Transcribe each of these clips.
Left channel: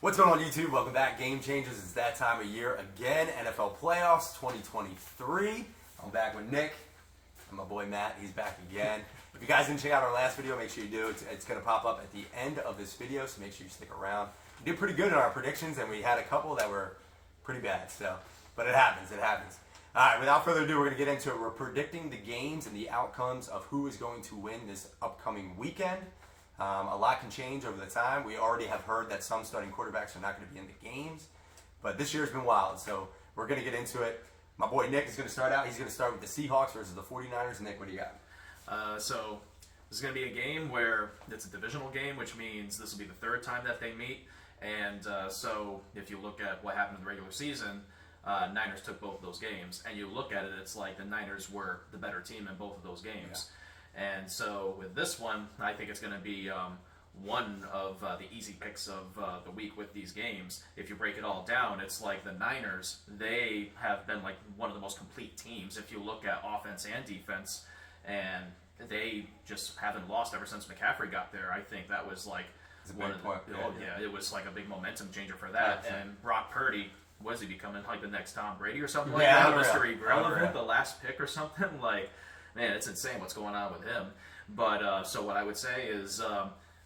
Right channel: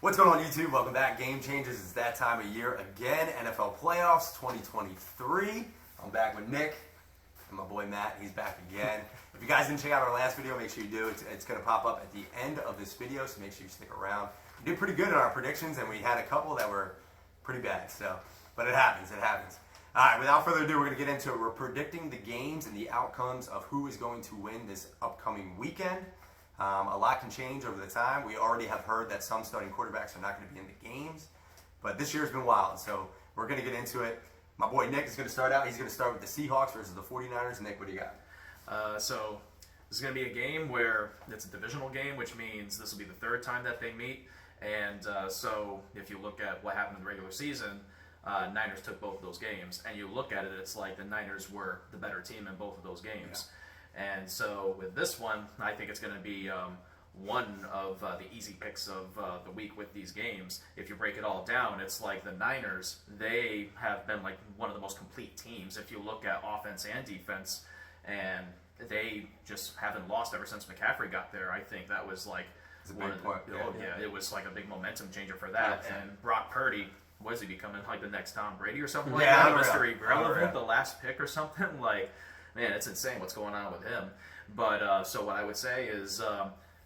What's going on YouTube? Welcome back. Game Changers. It's that time of year again. NFL Playoffs 2023. I'm back with Nick and my boy Matt. He's back again. If you guys didn't check out our last video, make sure you do. It's going to pop up at the end of this video, so make sure you stick around. We did pretty good in our predictions, and we had a couple that were pretty bad. But it happens. It happens. All right. Without further ado, we're going to get into it. We're predicting the games and the outcomes of who is going to win this upcoming weekend. A lot can change over the time. We already have heard that some starting quarterbacks are not going to be in the games, but this year's been wild, so we're going to get into it. My boy Nick is going to start out. He's going to start with the Seahawks versus the 49ers. Nick, what do you got? So this is going to be a game where it's a divisional game, which means this will be the third time that they meet. And so if you look at what happened in the regular season, Niners took both of those games, and you look at it, it's like the Niners were the better team in both of those games. Yeah. And so with this one, I think it's going to be one of the easy picks of the week with these games. If you break it all down, it's like the Niners, they have been like one of the most complete teams if you look at offense and defense, and they just haven't lost ever since McCaffrey got there. I think that was like it was like a big momentum changer for that. Yeah, and Brock Purdy, was he becoming like the next Tom Brady or something like that? Mr. Irrelevant, the last pick or something like. Man, it's insane what's going on with him. But so what I would say is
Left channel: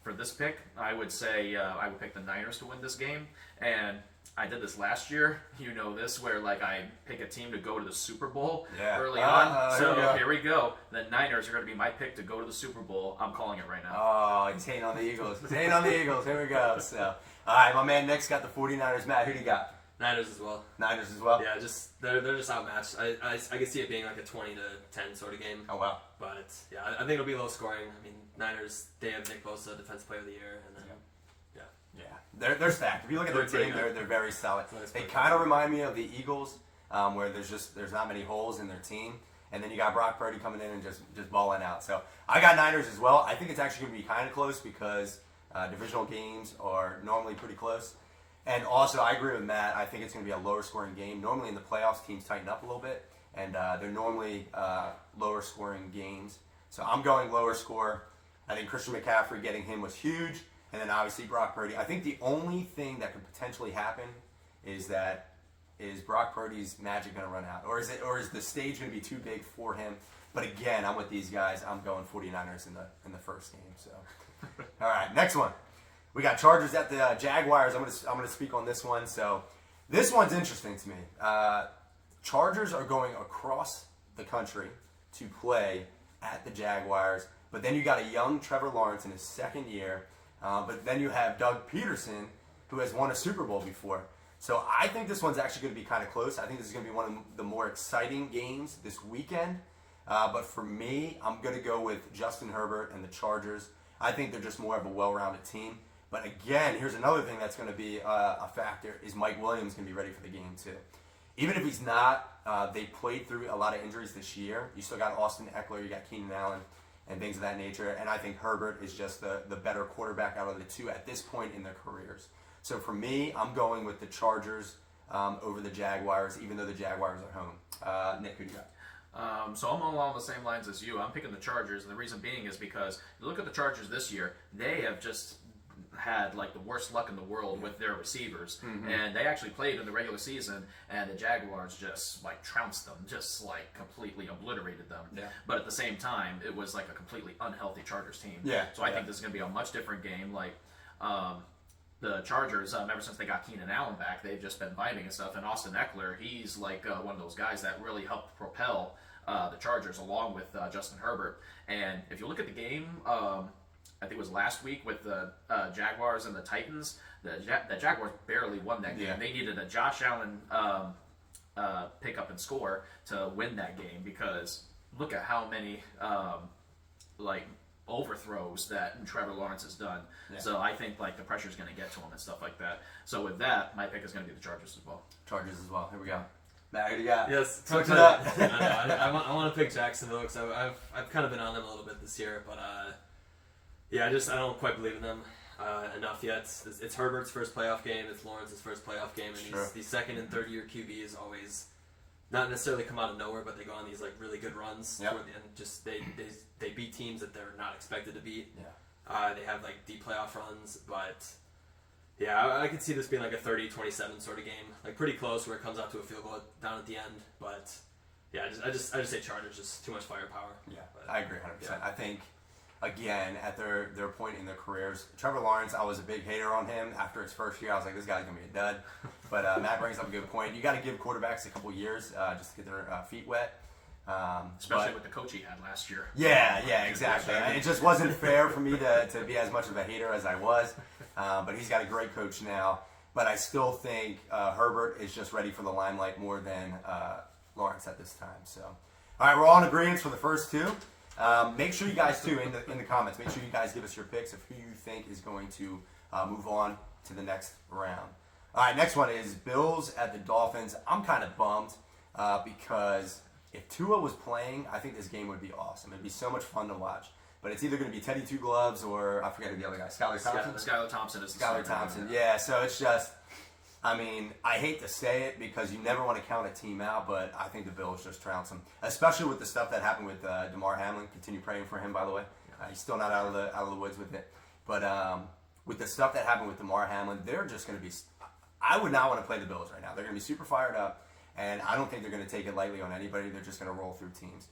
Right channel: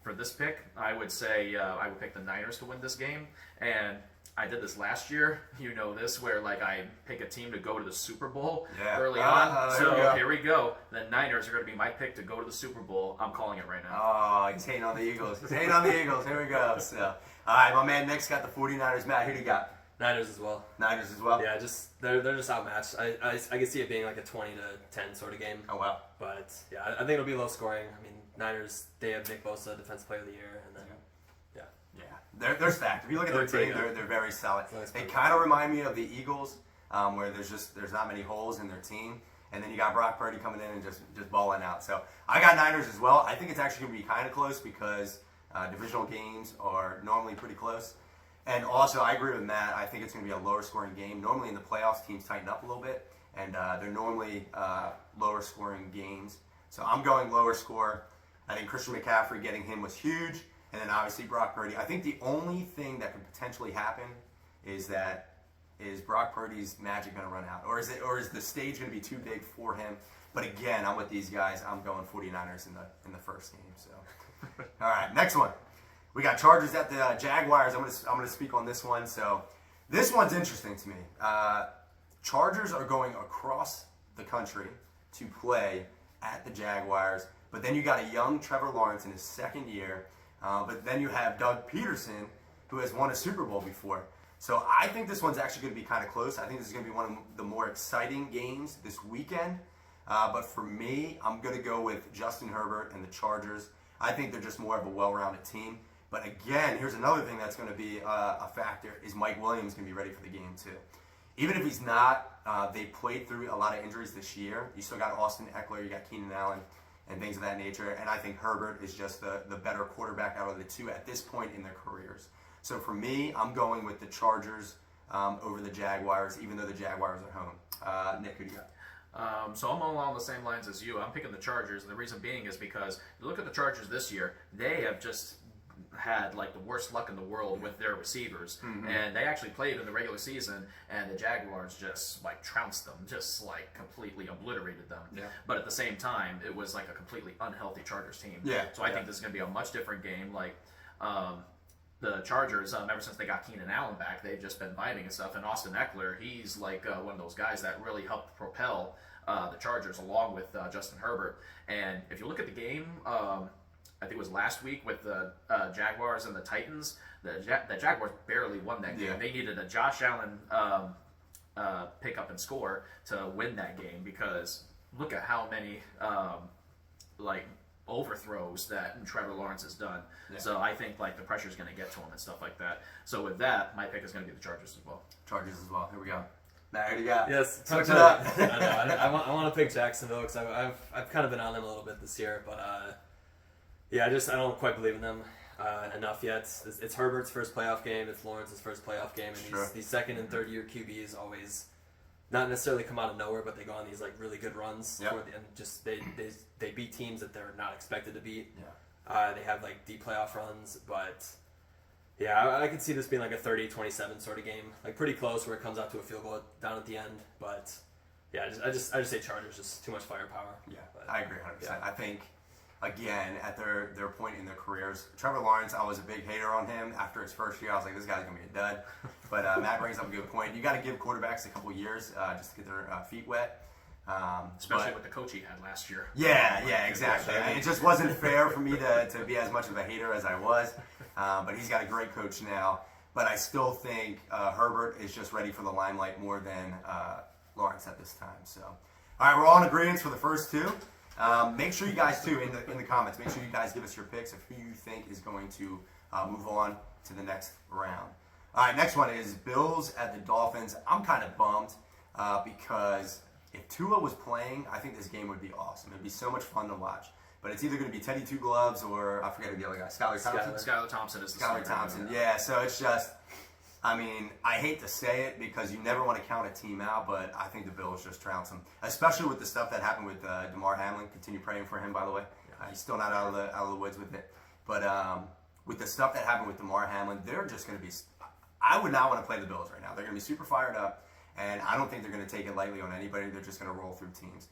for this pick, I would say I would pick the Niners to win this game. And I did this last year. You know this, where like I pick a team to go to the Super Bowl early on. So here we go. The Niners are going to be my pick to go to the Super Bowl. I'm calling it right now. Oh, he's hating on the Eagles. He's hating on the Eagles. Here we go. So, all right, my man Nick's got the 49ers. Matt, who do you got? Niners as well. Niners as well? Yeah, they're just outmatched. I can see it being like a 20-10 sort of game. Oh, wow. But, yeah, I think it'll be low scoring. I mean, Niners, they have Nick Bosa, Defensive Player of the Year, and then, yeah. They're stacked. If you look at their team, they're very solid. They kind of remind me of the Eagles, where there's not many holes in their team. And then you got Brock Purdy coming in and just balling out. So I got Niners as well. I think it's actually going to be kind of close because divisional games are normally pretty close. And also, I agree with Matt. I think it's going to be a lower scoring game. Normally in the playoffs, teams tighten up a little bit, and they're normally lower scoring games. So I'm going lower score. I think Christian McCaffrey, getting him was huge, and then obviously Brock Purdy. I think the only thing that could potentially happen is Brock Purdy's magic going to run out, or is the stage going to be too big for him? But again, I'm with these guys. I'm going 49ers in the first game. So, all right, next one. We got Chargers at the Jaguars. I'm gonna speak on this one. So this one's interesting to me. Chargers are going across the country to play at the Jaguars, but then you got a young Trevor Lawrence in his second year. But then you have Doug Peterson, who has won a Super Bowl before. So I think this one's actually going to be kind of close. I think this is going to be one of the more exciting games this weekend. But for me, I'm going to go with Justin Herbert and the Chargers. I think they're just more of a well-rounded team. But again, here's another thing that's going to be a factor, is Mike Williams going to be ready for the game too. Even if he's not, they played through a lot of injuries this year. You still got Austin Eckler, you got Keenan Allen, and things of that nature. And I think Herbert is just the better quarterback out of the two at this point in their careers. So for me, I'm going with the Chargers over the Jaguars, even though the Jaguars are home. Nick, who do you got? So I'm along the same lines as you. I'm picking the Chargers, and the reason being is because you look at the Chargers this year, they have just had like the worst luck in the world with their receivers, and they actually played in the regular season, and the Jaguars just like trounced them, just like completely obliterated them. But at the same time, it was like a completely unhealthy Chargers team. So I think this is going to be a much different game. Like the Chargers, ever since they got Keenan Allen back, they've just been vibing and stuff. And Austin Eckler, he's like one of those guys that really helped propel the Chargers along with Justin Herbert. And if you look at the game, I think it was last week with the Jaguars and the Titans. The Jaguars barely won that game. They needed a Josh Allen pick up and score to win that game, because look at how many like overthrows that Trevor Lawrence has done. So I think like the pressure is going to get to him and stuff like that. So with that, my pick is going to be the Chargers as well. Chargers as well. Here we go. Matt, who do you got? Yes, switch it up. I want to pick Jacksonville because I've kind of been on them a little bit this year, but yeah, I don't quite believe in them enough yet. It's Herbert's first playoff game. It's Lawrence's first playoff game, and these second and third year QBs always not necessarily come out of nowhere, but they go on these like really good runs toward the end. Just they beat teams that they're not expected to beat. They have like deep playoff runs, but Yeah, I could see this being like a 30-27 sort of game, like pretty close where it comes out to a field goal down at the end. But yeah, I just say Chargers, just too much firepower. Yeah, but, I agree 100%. yeah. I think, again, at their point in their careers, Trevor Lawrence, I was a big hater on him after his first year. I was like, this guy's gonna be a dud. But Matt brings up a good point. You got to give quarterbacks a couple years just to get their feet wet. Especially with the coach he had last year. Yeah, exactly. It just wasn't fair for me to be as much of a hater as I was. But he's got a great coach now. But I still think Herbert is just ready for the limelight more than Lawrence at this time. So, all right, we're all in agreement for the first two. Make sure you guys, too, in the comments, make sure you guys give us your picks of who you think is going to move on to the next round. All right, next one is Bills at the Dolphins. I'm kind of bummed because if Tua was playing, I think this game would be awesome. It'd be so much fun to watch. But it's either going to be Teddy Two Gloves or I forget the other guy, Skylar Thompson. Skylar Thompson is the Skylar starter. Thompson, yeah. So it's just, I mean, I hate to say it because you never want to count a team out, but I think the Bills just trounced them, especially with the stuff that happened with Damar Hamlin. Continue praying for him, by the way. He's still not out of the woods with it. But with the stuff that happened with Damar Hamlin, they're just going to be. I would not want to play the Bills right now. They're going to be super fired up, and I don't think they're going to take it lightly on anybody. They're just going to roll through teams.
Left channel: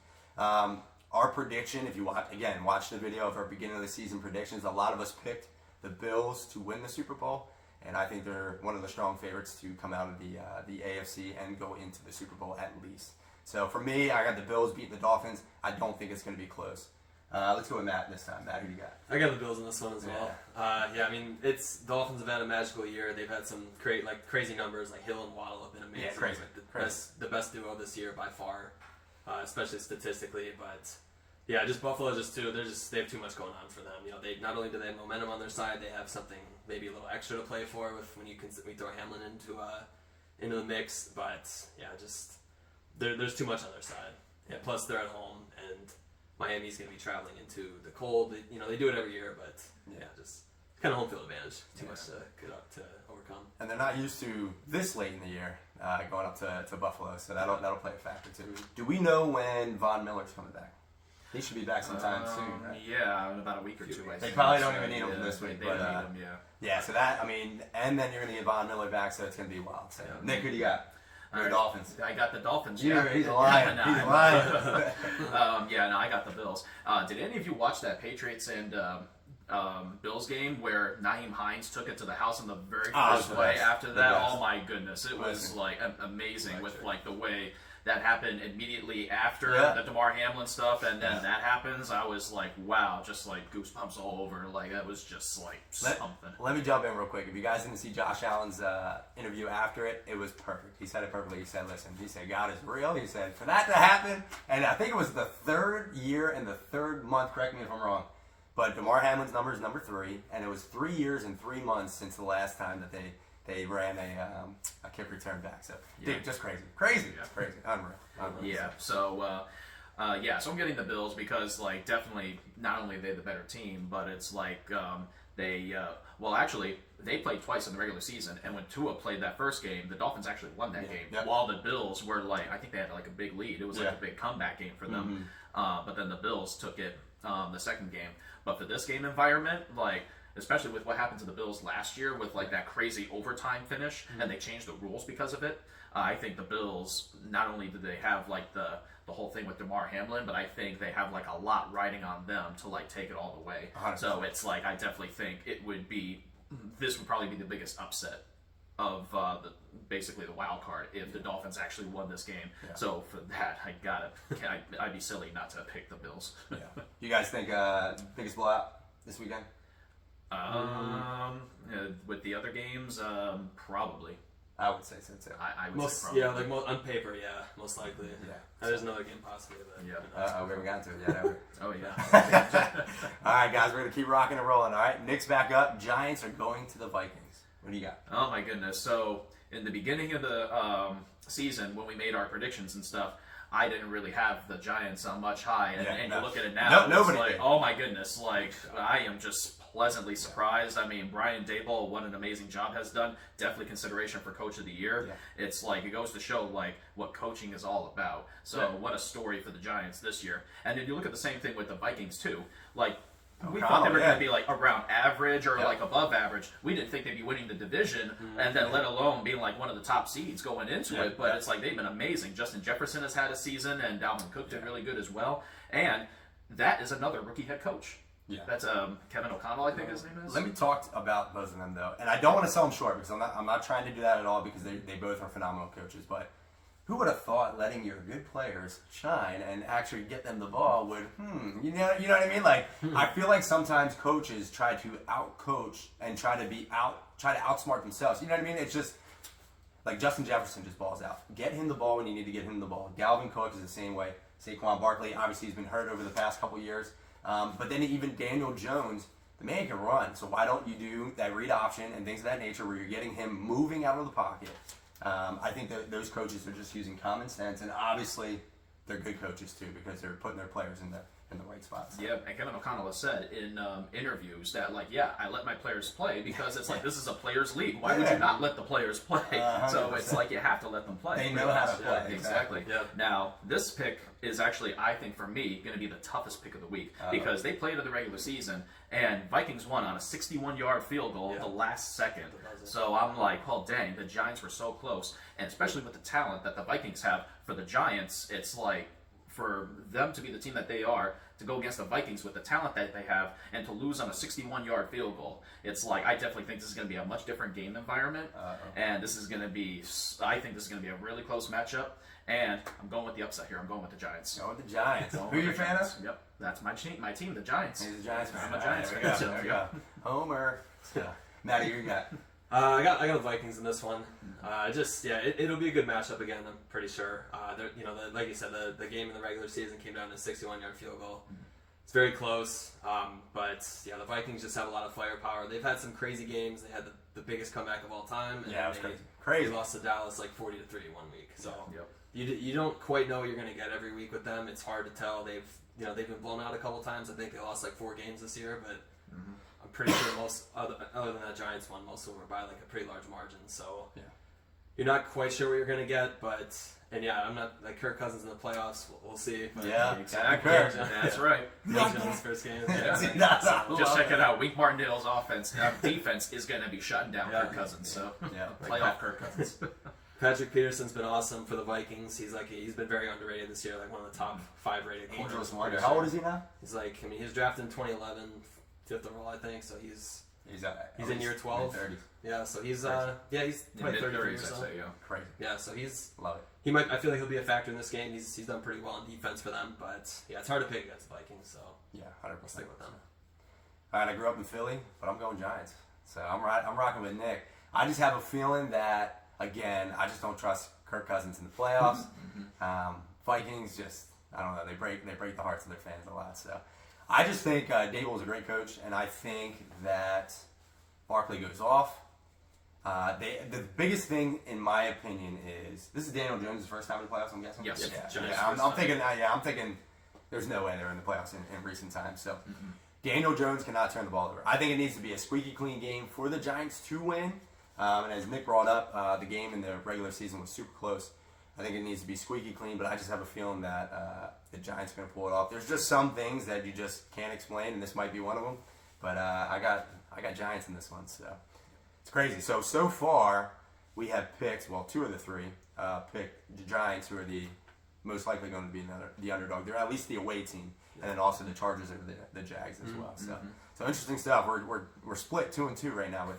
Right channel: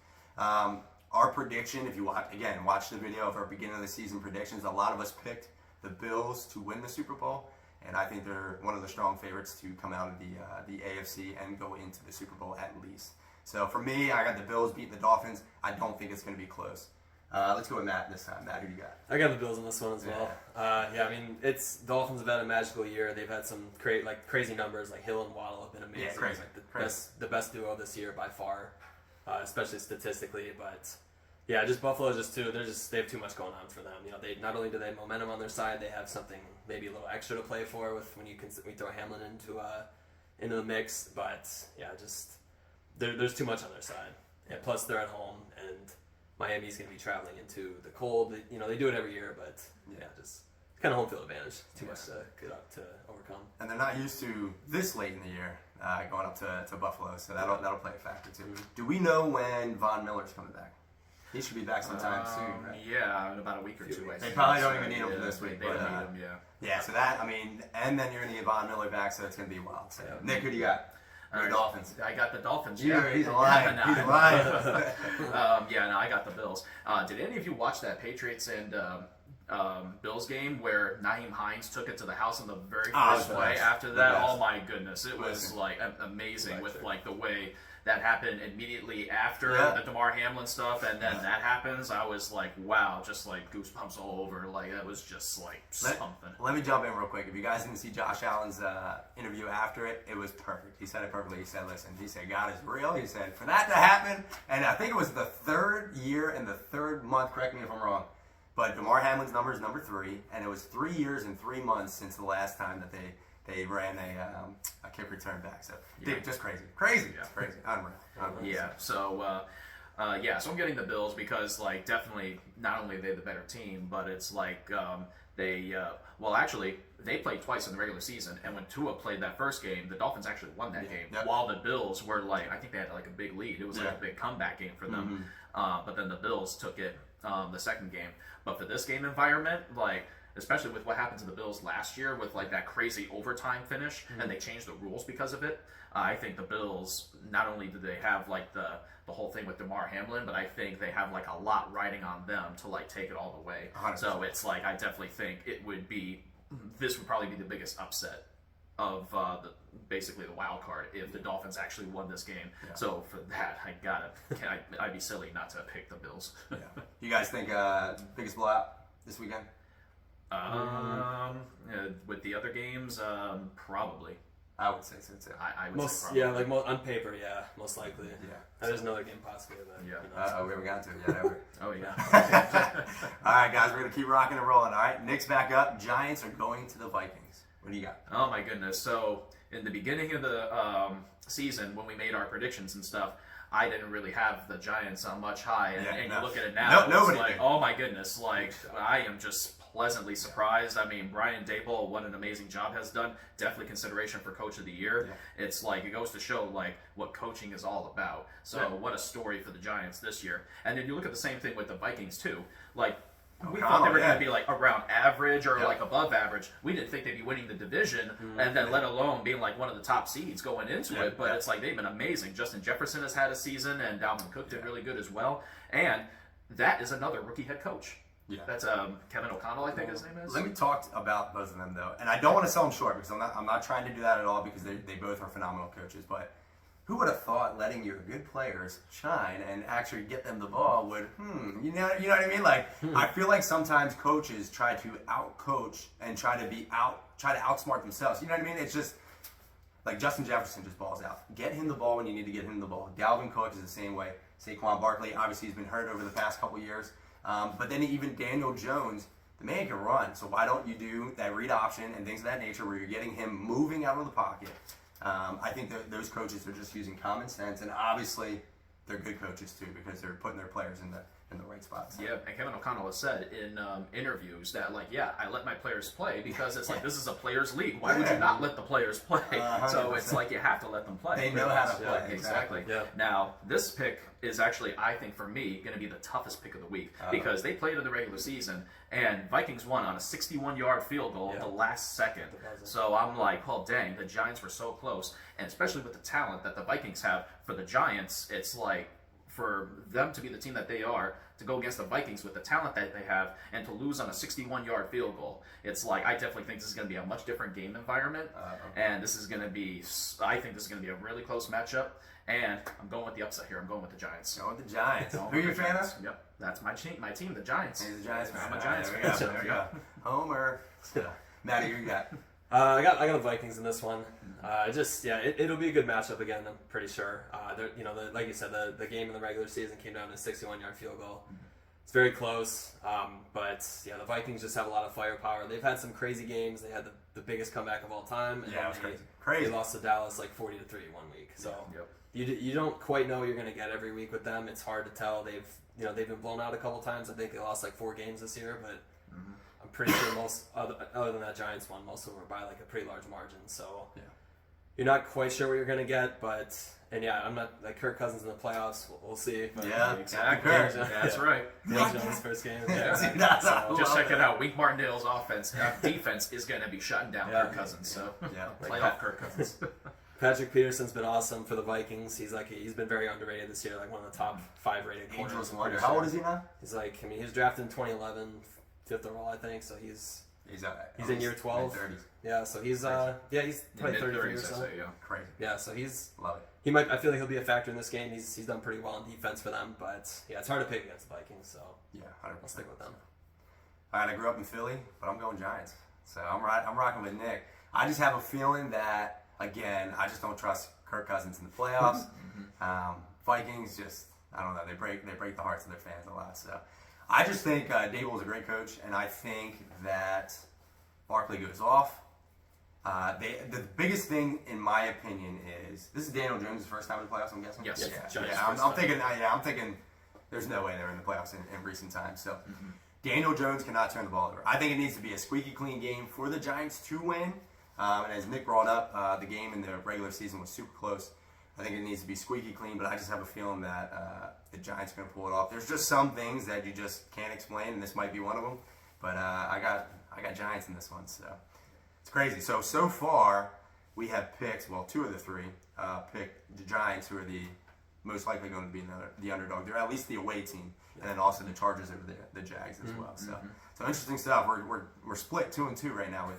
Our prediction, if you watch the video of our beginning of the season predictions, a lot of us picked the Bills to win the Super Bowl, and I think they're one of the strong favorites to come out of the AFC and go into the Super Bowl at least. So for me, I got the Bills beating the Dolphins. I don't think it's going to be close. Let's go with Matt this time. Matt, who you got? I got the Bills in this one as well. Yeah, I mean, Dolphins have had a magical year. They've had some crazy numbers. Like Hill and Waddle have been amazing. Yeah, crazy. Like the best duo this year by far, especially statistically. But yeah, just Buffalo they have too much going on for them. You know, they not only do they have momentum on their side, they have something maybe a little extra to play for with when you throw Hamlin into the mix. But yeah, just there's too much on their side. Yeah, plus they're at home and Miami's going to be traveling into the cold. They do it every year, but yeah, just kind of home field advantage. Too much to get up to overcome. And they're not used to this late in the year going up to Buffalo, so that'll play a factor too. Do we know when Von Miller's coming back? He should be back sometime soon. Right? Yeah, in about a week or two. I They think. probably don't even need him for this week. They don't need him, yeah. Yeah, so that, I mean, and then you're going to get Von Miller back, so it's going to be wild. So, Nick, who do you got? All right. Dolphins. I got the Dolphins. He's lying. He's lying. I got the Bills. Did any of you watch that Patriots and Bills game where Naeem Hines took it to the house in the very first play after that? Oh my goodness, it was like amazing with like the way that happened immediately after the Damar Hamlin stuff, and then that happens. I was like, wow, just like goosebumps all over. Like that was just like something. Let me jump in real quick. If you guys didn't see Josh Allen's interview after it, it was perfect. He said it perfectly. He said, listen, he said, God is real. He said, for that to happen, and I think it was the third year and the third month, correct me if I'm wrong, but Damar Hamlin's number is number 3, and it was 3 years and 3 months since the last time that they ran a kick return back. So, dude, just crazy. Crazy. Unreal. Yeah. So, so I'm getting the Bills because, like, definitely not only are they the better team, but it's like they played twice in the regular season, and when Tua played that first game, the Dolphins actually won that game, while the Bills were like, I think they had like a big lead. It was like a big comeback game for them, but then the Bills took it the second game. But for this game environment, like, especially with what happened to the Bills last year with like that crazy overtime finish, and they changed the rules because of it. I think the Bills, not only do they have like the whole thing with Damar Hamlin, but I think they have like a lot riding on them to like take it all the way. 100%. So it's like I definitely think this would probably be the biggest upset of basically the wild card if the Dolphins actually won this game. Yeah. So for that, I'd be silly not to pick the Bills. You guys think biggest blowout this weekend? With the other games, probably. I would say so too. I would say probably. Yeah, like on paper, most likely. Yeah. There's another game possibly. But, we haven't gotten to it yet, have we? Oh, yeah. All right, guys, we're going to keep rocking and rolling, all right? Nick's back up. Giants are going to the Vikings. What do you got? Oh, my goodness. So, in the beginning of the season, when we made our predictions and stuff, I didn't really have the Giants on much high. And you look at it now, it's like, oh, my goodness. Like, I am just pleasantly surprised. I mean, Brian Daboll, what an amazing job has done. Definitely consideration for Coach of the Year. Yeah. It's like, it goes to show like what coaching is all about. So what a story for the Giants this year. And then you look at the same thing with the Vikings too. Like, we thought they were going to be like around average or like above average. We didn't think they'd be winning the division, and then let alone being like one of the top seeds going into it. But it's like they've been amazing. Justin Jefferson has had a season, and Dalvin Cook did really good as well. And that is another rookie head coach. Yeah, that's Kevin O'Connell, I think his name is. Let me talk about both of them though, and I don't want to sell them short because I'm not trying to do that at all because they both are phenomenal coaches. But who would have thought letting your good players shine and actually get them the ball would you know what I mean? Like I feel like sometimes coaches try to out-coach and try to outsmart themselves. You know what I mean? It's just like Justin Jefferson just balls out. Get him the ball when you need to get him the ball. Dalvin Cook is the same way. Saquon Barkley obviously has been hurt over the past couple years. But then even Daniel Jones, the man can run. So why don't you do that read option and things of that nature where you're getting him moving out of the pocket? I think that those coaches are just using common sense, and obviously they're good coaches too because they're putting their players in the right spots. Yeah, and Kevin O'Connell has said in interviews that I let my players play because it's like this is a players' league. Why would you not let the players play? So it's like you have to let them play. They know how to play. Exactly. Yeah. Now this pick is actually, I think for me, going to be the toughest pick of the week because they played in the regular season and Vikings won on a 61-yard field goal at the last second. So I'm like, oh dang, the Giants were so close, and especially with the talent that the Vikings have for the Giants, it's like, for them to be the team that they are, to go against the Vikings with the talent that they have, and to lose on a 61-yard field goal, it's like I definitely think this is going to be a much different game environment, and this is going to be, I think this is going to be a really close matchup, and I'm going with the upset here. I'm going with the Giants. Going with the Giants. Who are you a fan of? Yep, that's my team, the Giants. He's a Giants fan. I'm a Giants fan. So, Homer. Maddie, you got? I got the Vikings in this one. It'll be a good matchup again. I'm pretty sure. Like you said, the game in the regular season came down to a 61-yard field goal. It's very close, but the Vikings just have a lot of firepower. They've had some crazy games. They had the biggest comeback of all time. And it was crazy. They lost to Dallas like 40-3 one week. So you don't quite know what you're going to get every week with them. It's hard to tell. They've been blown out a couple times. I think they lost like 4 games this year, but. I'm pretty sure most, other than that Giants one, most of them were by like a pretty large margin. So you're not quite sure what you're going to get, I'm not like Kirk Cousins in the playoffs. We'll see. But exactly. That's right. His first game. Just check it out. Wink Martindale's defense is going to be shutting down Kirk Cousins. So playoff Kirk Cousins. Patrick Peterson's been awesome for the Vikings. He's been very underrated this year, like one of the top 5 rated corners. How old is he now? He's he was drafted in 2011. 5th overall, I think. So he's in year 12. Yeah, so he's probably 33 or so. Crazy. Yeah, so he's love it. He might. I feel like he'll be a factor in this game. He's done pretty well on defense for them, but it's hard to pick against the Vikings. So 100%. I'll stick with them. All right, I grew up in Philly, but I'm going Giants. So I'm rocking with Nick. I just have a feeling that again, I just don't trust Kirk Cousins in the playoffs. Vikings just, I don't know. They break the hearts of their fans a lot. So. I just think Dable is a great coach, and I think that Barkley goes off. The biggest thing, in my opinion, is this is Daniel Jones' first time in the playoffs. I'm guessing. Yes. I'm thinking. There's no way they're in the playoffs in recent times. So Daniel Jones cannot turn the ball over. I think it needs to be a squeaky clean game for the Giants to win. And as Nick brought up, the game in the regular season was super close. I think it needs to be squeaky clean, but I just have a feeling that the Giants are going to pull it off. There's just some things that you just can't explain, and this might be one of them. But I got Giants in this one, so it's crazy. So far, we have picked, 2 of the 3 picked the Giants, who are the most likely going to be the underdog. They're at least the away team, and then also the Chargers over the Jags as well. So interesting stuff. We're split 2-2 right now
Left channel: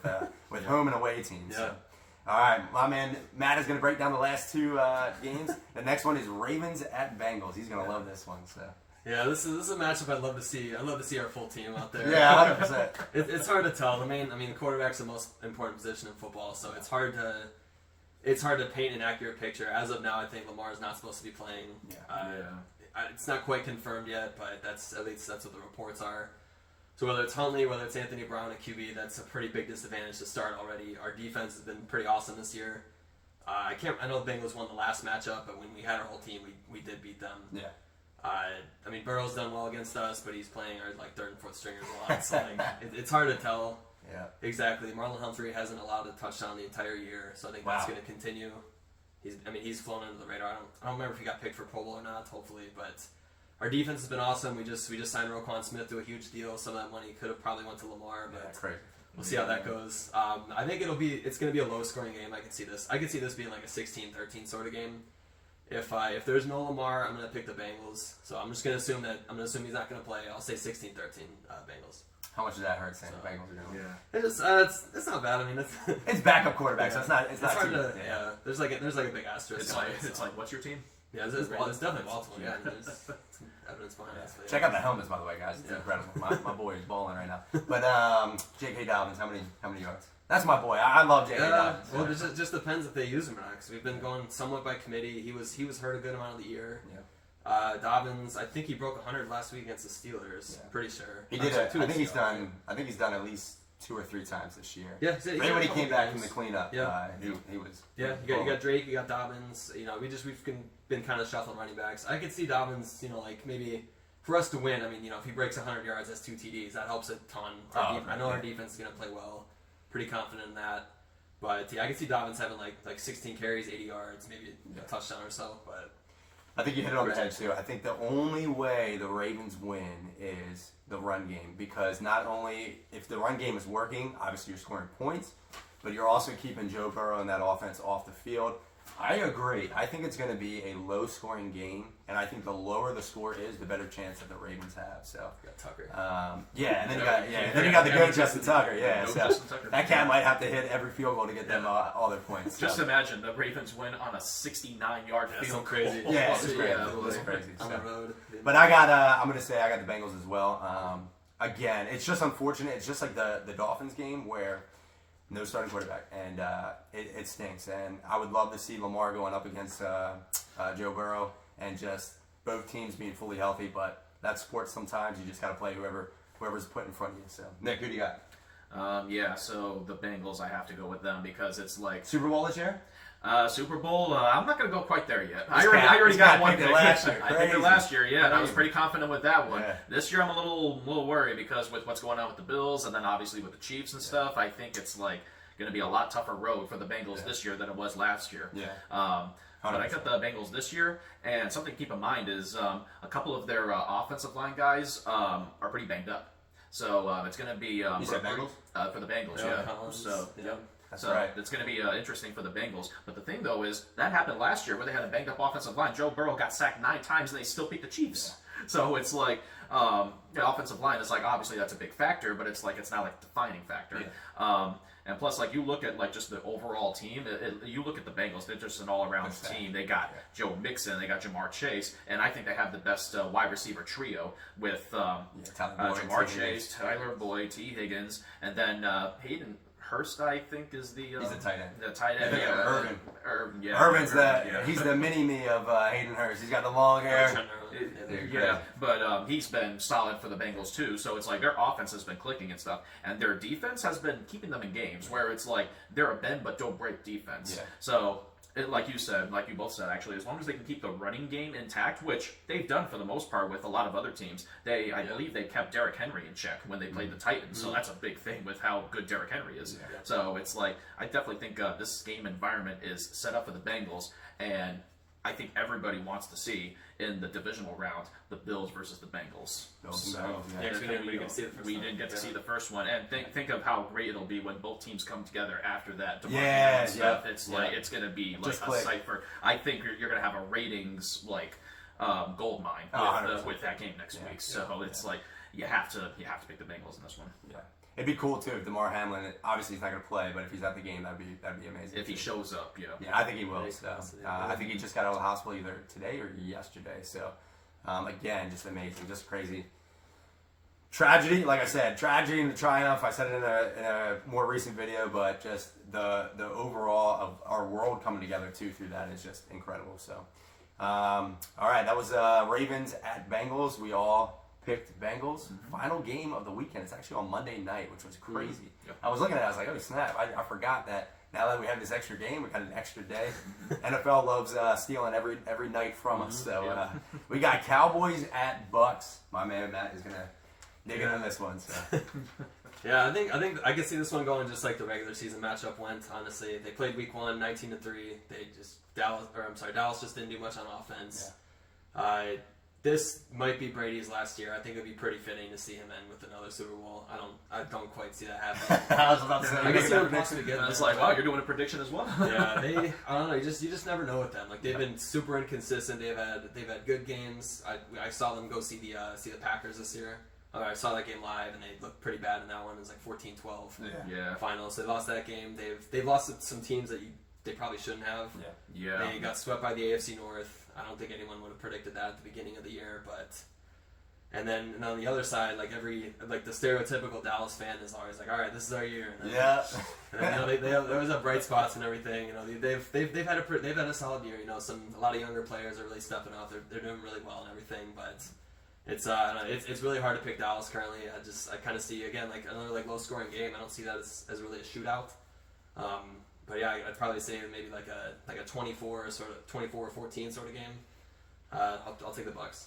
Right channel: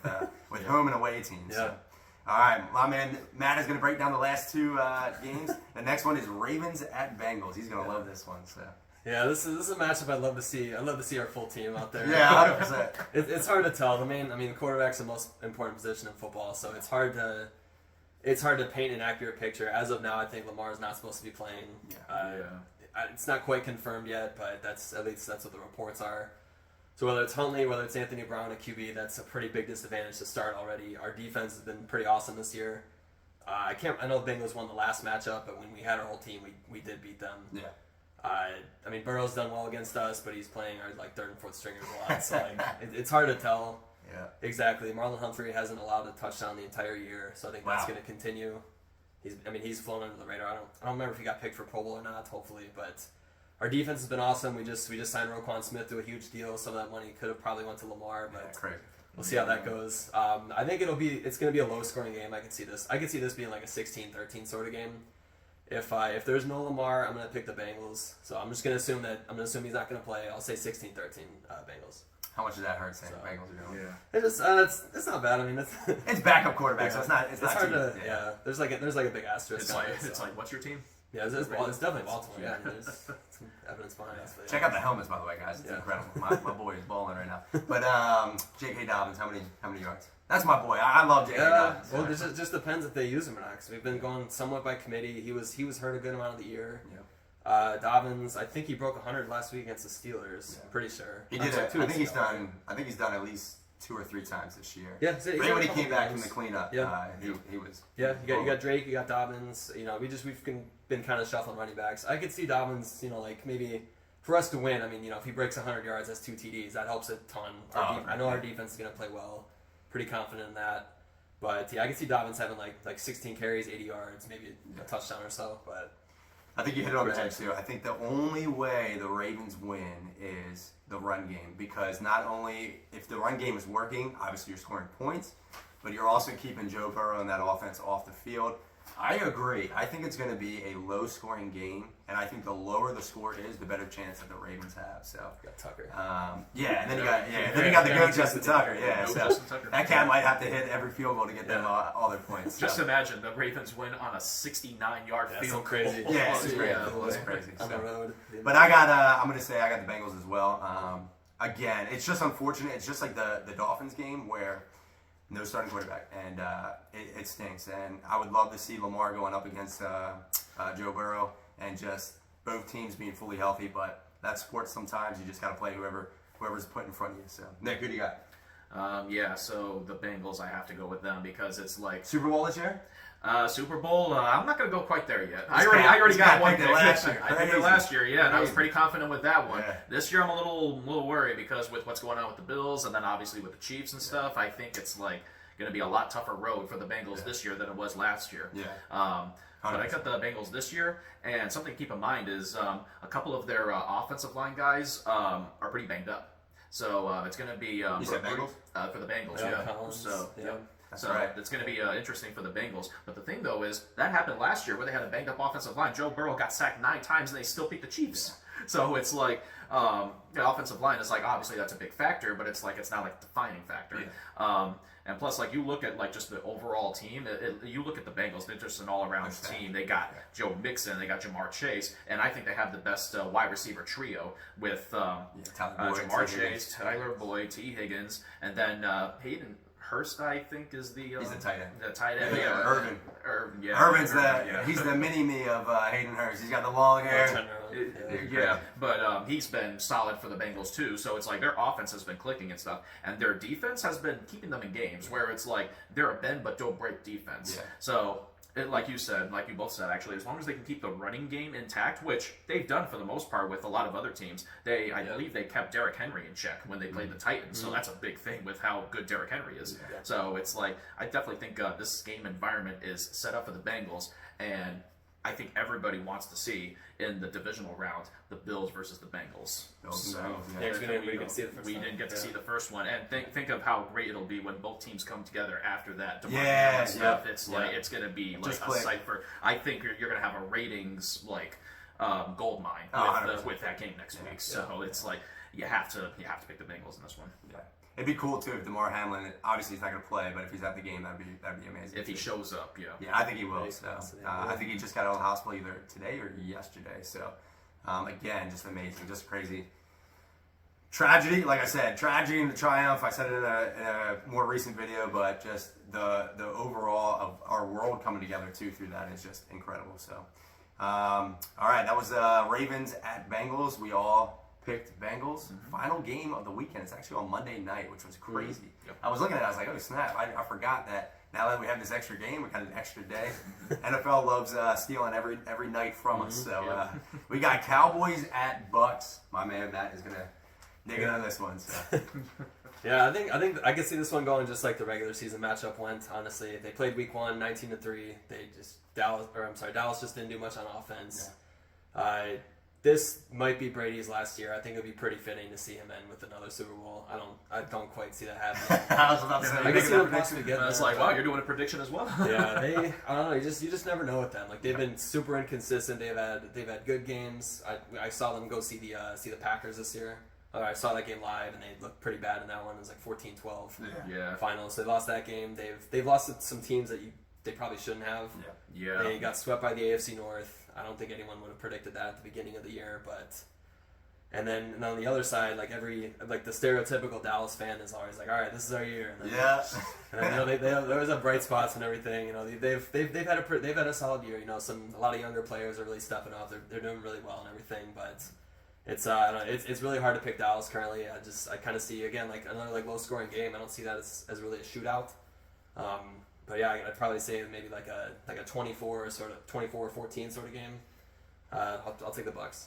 with home and away teams. So. All right, my man Matt is going to break down the last 2 games. The next one is Ravens at Bengals. He's going to love this one. So. Yeah, this is a matchup I'd love to see. I'd love to see our full team out there. Yeah, 100%. It's hard to tell. The quarterback's the most important position in football, so it's hard to paint an accurate picture. As of now, I think Lamar's not supposed to be playing. It's not quite confirmed yet, but that's what the reports are. So whether it's Huntley, whether it's Anthony Brown at QB, that's a pretty big disadvantage to start already. Our defense has been pretty awesome this year. I know the Bengals won the last matchup, but when we had our whole team, we did beat them. Yeah. Burrow's done well against us, but he's playing our 3rd and 4th stringers a lot. So it's hard to tell. Yeah. Exactly. Marlon Humphrey hasn't allowed a touchdown the entire year, so I think that's going to continue. He's flown under the radar. I don't remember if he got picked for Pro Bowl or not. Hopefully, but our defense has been awesome. We just signed Roquan Smith to a huge deal. Some of that money could have probably went to Lamar, but That's crazy. we'll see how that goes. I think it's going to be a low scoring game. I can see this being like a 16-13 sort of game. If there's no Lamar, I'm going to pick the Bengals. So I'm just going to assume he's not going to play. I'll say 16-13 Bengals. How much does that hurt saying the Bengals are going? Yeah. It's not bad. I mean, it's backup quarterback, so it's not hard too, to There's like a big asterisk. It's like what's your team? Yeah, it's definitely Baltimore. Yeah, there's evidence behind us. Check out the helmets, by the way, guys. It's incredible. My boy is balling right now. But J.K. Dobbins, how many yards? That's my boy. I love J.K. Dobbins. Well, it just depends if they use him or not. Because we've been going somewhat by committee. He was hurt a good amount of the year. Yeah. Dobbins, I think he broke 100 last week against the Steelers. Yeah. Pretty sure. He did. I think he's done at least 2 or 3 times this year. Yeah. Right when he came back from the cleanup, he was. Yeah. You got Drake. You got Dobbins. We've been kind of shuffling running backs. I could see Dobbins. Like maybe for us to win. I mean, if he breaks 100 yards, that's 2 TDs. That helps a ton. I know our defense is gonna play well. Pretty confident in that. But yeah, I could see Dobbins having like 16 carries, 80 yards, maybe a touchdown or so. But I think you hit it on the head too. I think the only way the Ravens win is the run game, because not only if the run game is working, obviously you're scoring points, but you're also keeping Joe Burrow and that offense off the field. I agree. I think it's going to be a low-scoring game, and I think the lower the score is, the better chance that the Ravens have. So, got Tucker. And then you got the goat Justin Tucker. Yeah, so that cat might have to hit every field goal to get them all their points. Just imagine the Ravens win on a 69-yard field goal. Crazy. Yeah, it's crazy. On the road. But I got the Bengals as well. Again, it's just unfortunate. It's just like the Dolphins game where no starting quarterback, and it stinks. And I would love to see Lamar going up against Joe Burrow, and just both teams being fully healthy. But that's sports. Sometimes you just got to play whoever's put in front of you. So, Nick, who do you got? So the Bengals, I have to go with them because it's like Super Bowl this year. Super Bowl, I'm not going to go quite there yet. I already got one pick. I picked it last year, and I was pretty confident with that one. Yeah. This year, I'm a little worried because with what's going on with the Bills, and then obviously with the Chiefs and stuff, I think it's like going to be a lot tougher road for the Bengals this year than it was last year. Yeah. But I got the Bengals this year, and something to keep in mind is a couple of their offensive line guys are pretty banged up. So it's going to be you said Bengals? For the Bengals, yeah. So it's going to be interesting for the Bengals. But the thing, though, is that happened last year where they had a banged-up offensive line. Joe Burrow got sacked 9 times, and they still beat the Chiefs. Yeah. So it's like the offensive line is like, obviously that's a big factor, but it's like it's not like a defining factor. Yeah. And plus, like, you look at like just the overall team. You look at the Bengals; they're just an all-around team. They got Joe Mixon, they got Jamar Chase, and I think they have the best wide receiver trio with Jamar Chase, Tyler Boyd, T. Higgins, and then Hayden Hurst, I think, is the he's the tight end. The tight end, yeah. Irvin's he's the mini-me of Hayden Hurst. He's got the long hair. But he's been solid for the Bengals too. So it's like their offense has been clicking and stuff, and their defense has been keeping them in games where it's like they're a bend but don't break defense. Yeah. So like you said, like you both said, actually, as long as they can keep the running game intact, which they've done for the most part with a lot of other teams, I believe they kept Derrick Henry in check when they played the Titans. So that's a big thing with how good Derrick Henry is. Yeah. So it's like I definitely think this game environment is set up for the Bengals, and I think everybody wants to see in the divisional round the Bills versus the Bengals. We didn't get to see the first one, and think of how great it'll be when both teams come together after that. And stuff. It's like it's going to be like a cipher. I think you're going to have a ratings like gold mine with that game next week. So it's like you have to pick the Bengals in this one. Yeah. It'd be cool too if DeMar Hamlin, obviously he's not going to play, but if he's at the game, that'd be amazing. If he shows up, yeah. Yeah, I think he will. So I think he just got out of the hospital either today or yesterday. So again, just amazing, just crazy. Tragedy, like I said, tragedy and the triumph. I said it in a more recent video, but just the overall of our world coming together too through that is just incredible. So all right, that was Ravens at Bengals. We all picked Bengals. Final game of the weekend. It's actually on Monday night, which was crazy. Yep. I was looking at it, I was like, oh snap, I forgot that now that we have this extra game, we got an extra day. NFL loves stealing every night from us. So we got Cowboys at Bucs. My man Matt is going to dig in on this one. So. Yeah, I think I could see this one going just like the regular season matchup went. Honestly, they played Week 1, 19-3. Dallas just didn't do much on offense. Yeah. this might be Brady's last year. I think it'd be pretty fitting to see him end with another Super Bowl. I don't quite see that happening. I was about to say, I can see them possibly getting It's there. like, wow, you're doing a prediction as well. Yeah, I don't know. You just never know with them. Like they've been super inconsistent. They've had good games. I saw them go see the Packers this year. I saw that game live, and they looked pretty bad in that one. It was like 14-12 Yeah. finals. They lost that game. They've lost to some teams that they probably shouldn't have. Yeah. They got swept by the AFC North. I don't think anyone would have predicted that at the beginning of the year, and then on the other side, like the stereotypical Dallas fan is always like, all right, this is our year. And then, And then, they always have bright spots and everything. You know, they've had a solid year. You know, a lot of younger players are really stepping up. They're doing really well and everything, but it's really hard to pick Dallas currently. I kind of see again like another like low scoring game. I don't see that as really a shootout. But yeah, I'd probably say maybe like a 24 or 14 sort of game. I'll take the Bucs.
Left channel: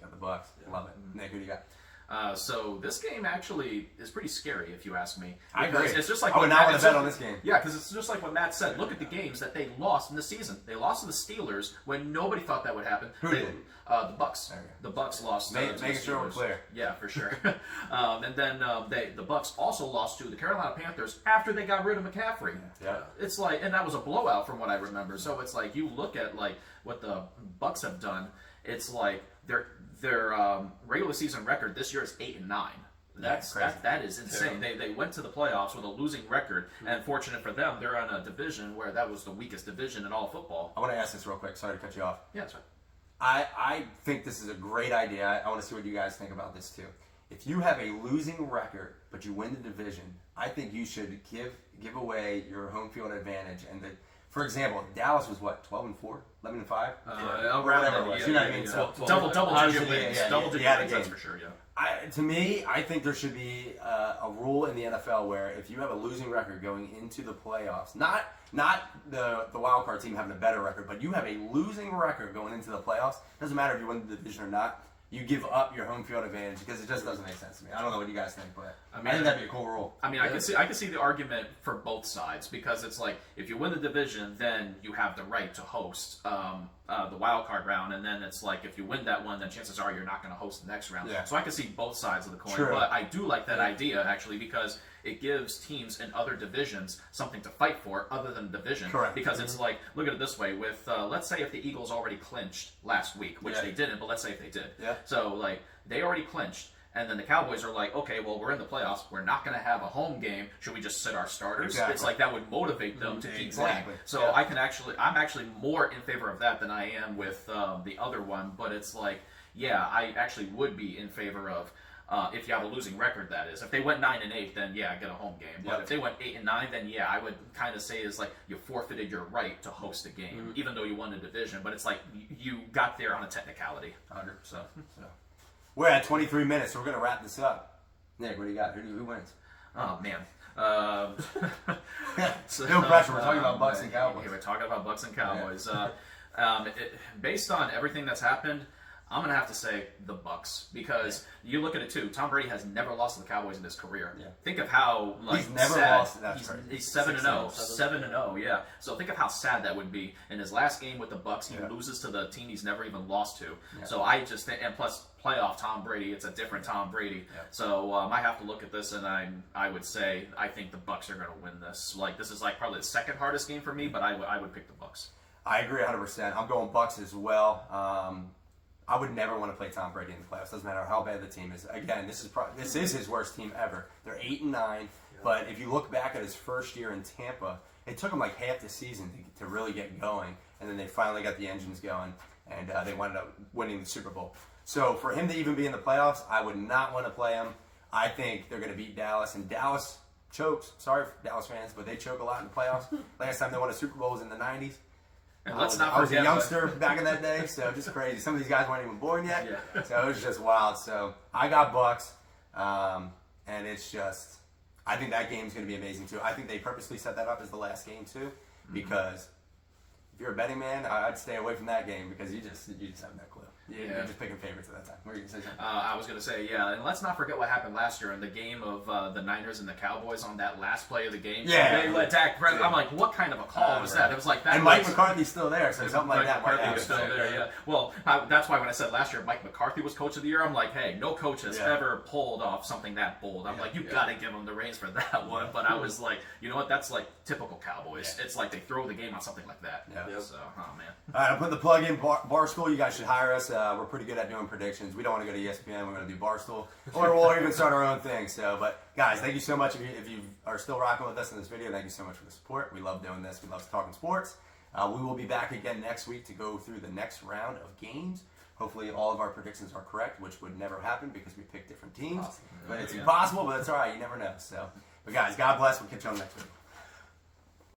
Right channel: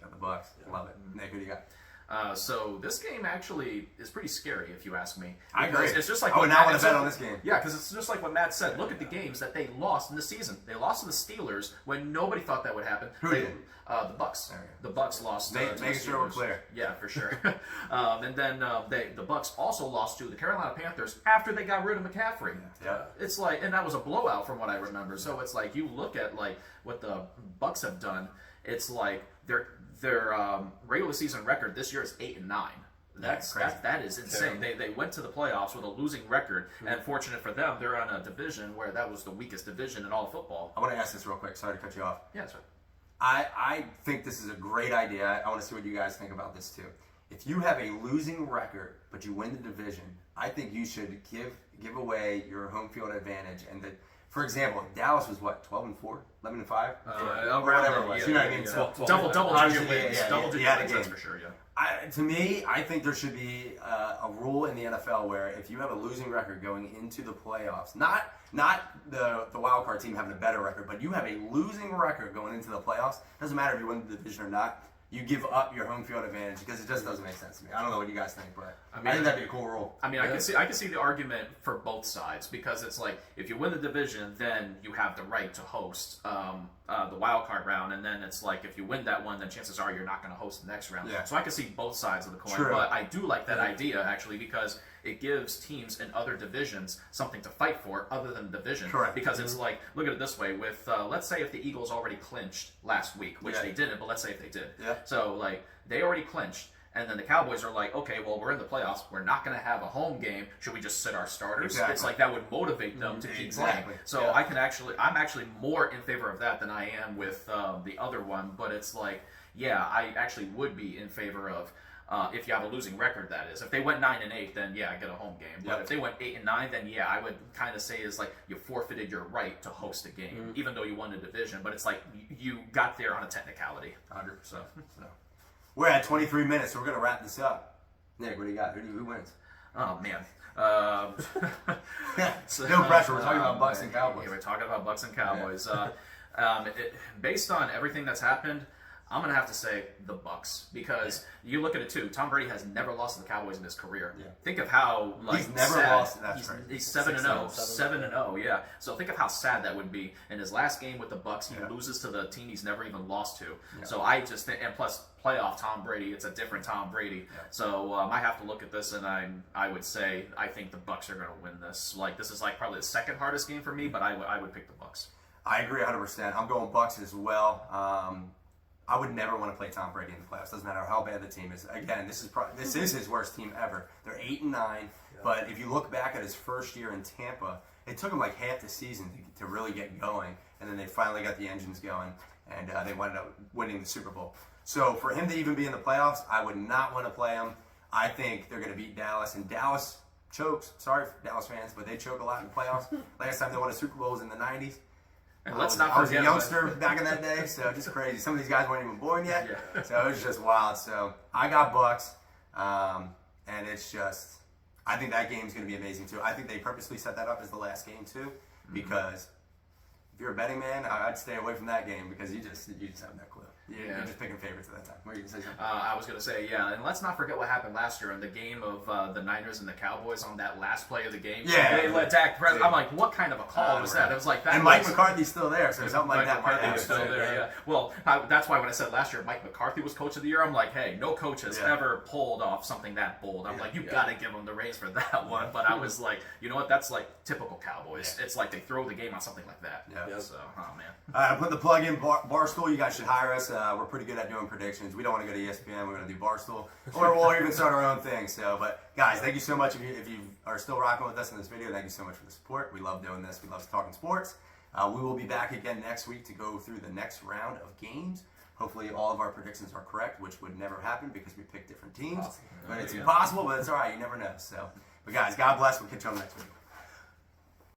Got the Bucs. Love it. Nick, who do you got? So this game actually is pretty scary, if you ask me. I agree. It's just like I would not want to bet on this. this game. Yeah, because it's just like what Matt said. Look at the games that they lost in the season. They lost to the Steelers when nobody thought that would happen. Who did? The Bucs. There you The Bucs lost. Making to the sure we're Steelers. clear. Yeah, for sure. And then the Bucs also lost to the Carolina Panthers after they got rid of McCaffrey. Yeah. It's like, and that was a blowout from what I remember. So it's like you look at like what the Bucs have done. It's like their regular season record this year is 8-9. That is insane. They went to the playoffs with a losing record, and fortunate for them, they're on a division where that was the weakest division in all of football. I want to ask this real quick. Sorry to cut you off. Yeah, that's right. I think this is a great idea. I want to see what you guys think about this too. If you have a losing record but you win the division, I think you should give away your home field advantage. And for example, Dallas was what, 12-4, 11-5, Around whatever there, it was. yeah, You know what I yeah, mean? yeah. So, Double digit Yeah, wins. yeah, Double yeah, digit yeah, wins, the that's game. for sure, yeah. To me, I think there should be a rule in the NFL where if you have a losing record going into the playoffs, not the wild card team having a better record, but you have a losing record going into the playoffs, doesn't matter if you win the division or not, you give up your home field advantage because it just doesn't make sense to me. I don't know what you guys think, but I think that'd be a cool rule. I mean, I can see the argument for both sides because it's like if you win the division, then you have the right to host the wild card round, and then it's like if you win that one, then chances are you're not going to host the next round. Yeah. So I can see both sides of the coin, True. but I do like that idea actually because it gives teams in other divisions something to fight for other than the division. Correct. Because it's like, look at it this way: with let's say if the Eagles already clinched last week, which they didn't, but let's say if they did. Yeah. So like they already clinched. And then the Cowboys are like, okay, well, we're in the playoffs. We're not going to have a home game. Should we just sit our starters? Exactly. It's like that would motivate them to keep Exactly. playing. So I'm actually more in favor of that than I am with the other one. But it's like, yeah, I actually would be in favor of if you have a losing record. That is, if they went 9-8, then yeah, get a home game. But if they went 8-9, then yeah, I would kind of say is like you forfeited your right to host a game, even though you won a division. But it's like you got there on a technicality. 100%. So. We're at 23 minutes, so we're going to wrap this up. Nick, what do you got? Who wins? Oh, man. No pressure. We're talking about Bucs and Cowboys. Yeah, we're talking about Bucs and Cowboys. Based on everything that's happened, I'm going to have to say the Bucs because you look at it too. Tom Brady has never lost to the Cowboys in his career. Yeah. Think of how he's never sad, lost. That's crazy. He's 7-0, 7-0. Yeah. So think of how sad that would be. In his last game with the Bucs, he loses to the team he's never even lost to. Yeah. So I just think, and plus playoff Tom Brady, it's a different Tom Brady. Yeah. So I have to look at this, and I would say I think the Bucs are going to win this. Like this is like probably the second hardest game for me, but I would pick the Bucs. I agree 100%. I'm going Bucs as well. I would never want to play Tom Brady in the playoffs. Doesn't matter how bad the team is. Again, this is his worst team ever. They're 8-9. But if you look back at his first year in Tampa, it took him like half the season to really get going, and then they finally got the engines going, and they wound up winning the Super Bowl. So for him to even be in the playoffs, I would not want to play him. I think they're going to beat Dallas, and Dallas chokes. Sorry, Dallas fans, but they choke a lot in the playoffs. Last time they won a Super Bowl was in the 90s. And let's not I was a forget youngster back in that day, so just crazy. Some of these guys weren't even born yet, so it was just wild. So I got Bucs, and it's just, I think that game's going to be amazing too. I think they purposely set that up as the last game too, because if you're a betting man, I'd stay away from that game because you just have no clue. You're just picking favorites at that time. What are you going to say something? I was going to say, yeah, and let's not forget what happened last year in the game of the Niners and the Cowboys on that last play of the game. Yeah. They let Dak Prescott. I'm like, what kind of a call was that? It was like that. And Mike McCarthy's still there, so something like that. Mike McCarthy was still there, yeah. Well, that's why when I said last year Mike McCarthy was coach of the year, I'm like, hey, no coach has ever pulled off something that bold. I'm like, you got to give him the reins for that one. But I was like, you know what? That's like typical Cowboys. It's like they throw the game on something like that. Yeah. So, oh man. All right, I'm putting the plug in Barstool. You guys should hire us. We're pretty good at doing predictions. We don't want to go to ESPN. We're going to do Barstool, or we'll even start our own thing. So, but guys, thank you so much. If you are still rocking with us in this video, thank you so much for the support. We love doing this. We love talking sports. We will be back again next week to go through the next round of games. Hopefully, all of our predictions are correct, which would never happen because we pick different teams. But it's impossible, but it's all right. You never know. So, but guys, God bless. We'll catch you on the next video.